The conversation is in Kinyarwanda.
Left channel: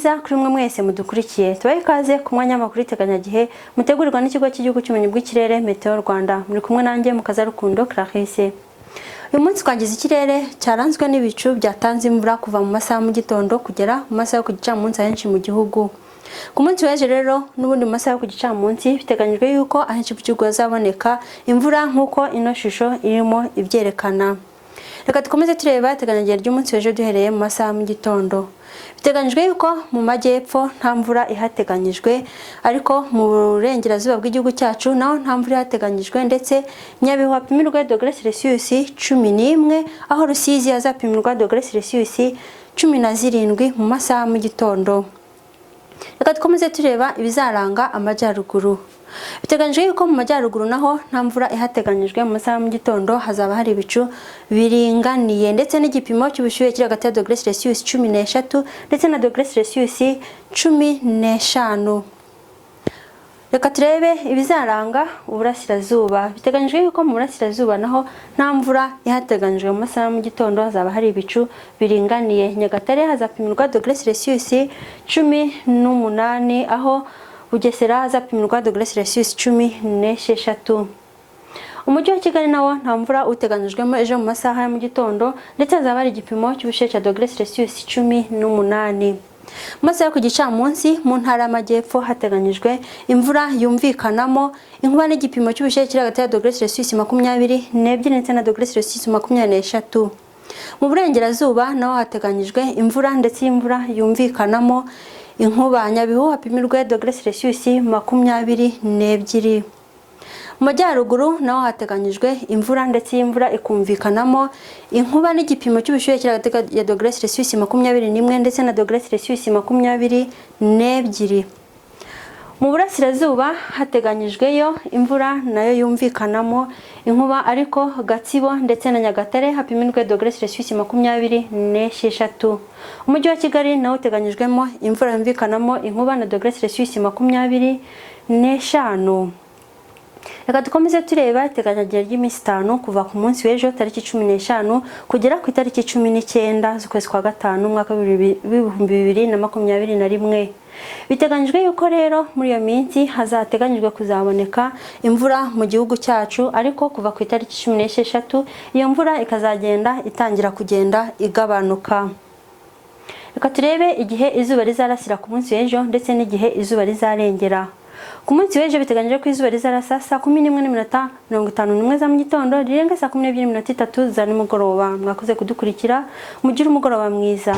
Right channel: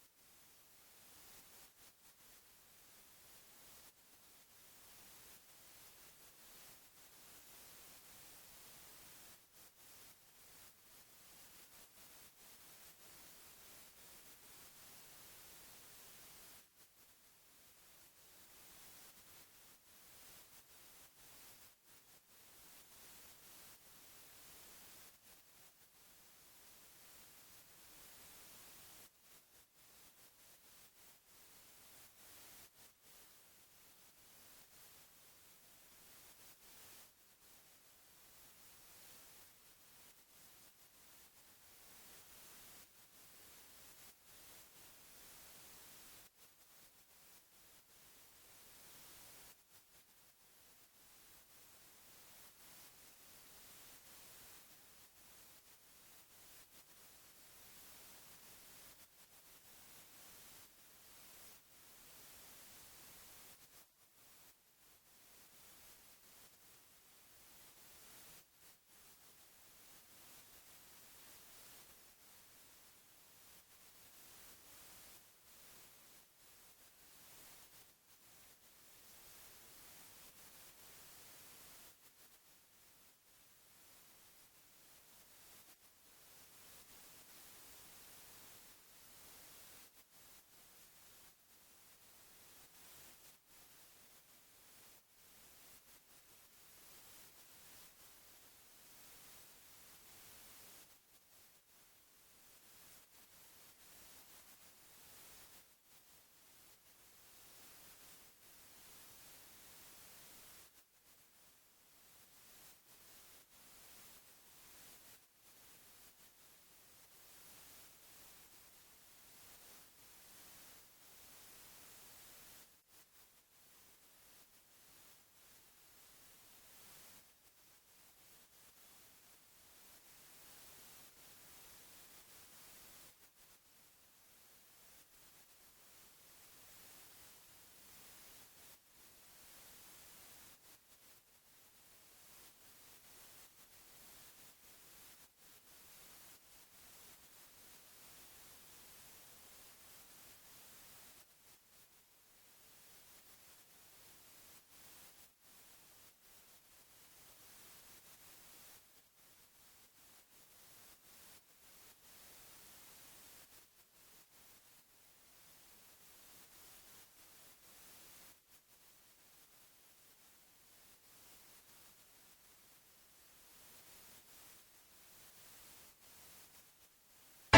mwiza kuri mwe mwese mudukurikiye. Tubaye ikaze ku mwanya w'amakuru iteganyagihe mutegurirwa n'ikigo cy'igihugu cy'ubumenyi bw'ikirere Meteo Rwanda. Muri kumwe nanjye Mukazarukundo Clarisse. Uyu munsi twagize ikirere cyaranzwe n'ibicu byatanze imvura kuva mu masaha mu gitondo kugera mu masaha yo ku gicamunsi ahenshi mu gihugu. Ku munsi w'ejo rero n'ubundi mu masaha yo ku gicamunsi biteganyijwe yuko ahenshi mu gihugu hazaboneka imvura nk'uko ino shusho irimo ibyerekana. Reka dukomeze tureba iteganyagihe ry'umunsi w'ejo duhereye mu masaha mu gitondo. Biteganyijwe yuko mu majyepfo nta mvura ihateganyijwe, ariko mu burengerazuba bw'igihugu cyacu naho nta mvura ihateganyijwe, ndetse Nyabihu hapimirwa dogere Celsius 11, aho Rusizi hazapimirwa dogere Celsius 17 mu masaha mu gitondo. Reka dukomeze tureba ibizaranga amajyaruguru. Biteganyijwe yuko mu majyaruguru naho nta mvura ihateganyijwe, mu masaha mu gitondo hazaba hari ibicu biringaniye, ndetse n'igipimo cy'ubushyuhe kiri hagati ya dogere Celsius 13 ndetse na dogere Celsius 15. Reka turebe ibizaranga uburasirazuba. Biteganyijwe yuko mu burasirazuba naho nta mvura ihateganyijwe, mu masaha mu gitondo hazaba hari ibicu biringaniye. Nyagatare hazapimirwa dogere Celsius 18, aho Bugesera hazapimirwa dogere Celsius 16. Umujyi wa Kigali nawo nta mvura uteganyijwemo ejo mu masaha ya mu gitondo, ndetse hazaba hari igipimo cy'ubushyuhe cya dogere Celsius 18. Mu masaha yo ku gicamunsi mu ntara y'amajyepfo hateganyijwe imvura yumvikanamo inkuba n'igipimo cy'ubushyuhe kiri hagati ya dogere Celsius 22 ndetse na dogere Celsius 23. Mu burengerazuba naho hateganyijwe imvura, ndetse imvura yumvikanamo inkuba. Nyabihu hapimirwe dogere Celsius 22. Mu majyaruguru naho hateganyijwe imvura, ndetse imvura ikumvikanamo inkuba n'igipimo cy'ubushyuhe kiri hagati ya dogere Celsius 21 ndetse na dogere Celsius 22. Mu burasirazuba hateganyijweyo imvura nayo yumvikanamo inkuba, ariko Gatsibo ndetse na Nyagatare hapimirwe dogere Celsius 26. Umujyi wa Kigali nawo uteganyijwemo imvura yumvikanamo inkuba na dogere Celsius 25. Reka dukomeze tureba iteganyagihe ry'iminsi 5 kuva ku munsi w'ejo tariki 15 kugera ku itariki 19 z'ukwezi kwa gatanu mwaka 2021. Biteganyijwe yuko rero muri iyo minsi hazateganyijwe kuzaboneka imvura mu gihugu cyacu, ariko kuva ku itariki 16 iyo mvura ikazagenda itangira kugenda igabanuka. Reka turebe igihe izuba rizarasira ku munsi w'ejo ndetse n'igihe izuba rizarengera. Ku munsi w'ejo biteganyijwe ko izuba rizarasa saa 11:51 za mu gitondo, rirenga saa 12:03 za nimugoroba. Mwakoze kudukurikira, mugire umugoroba mwiza.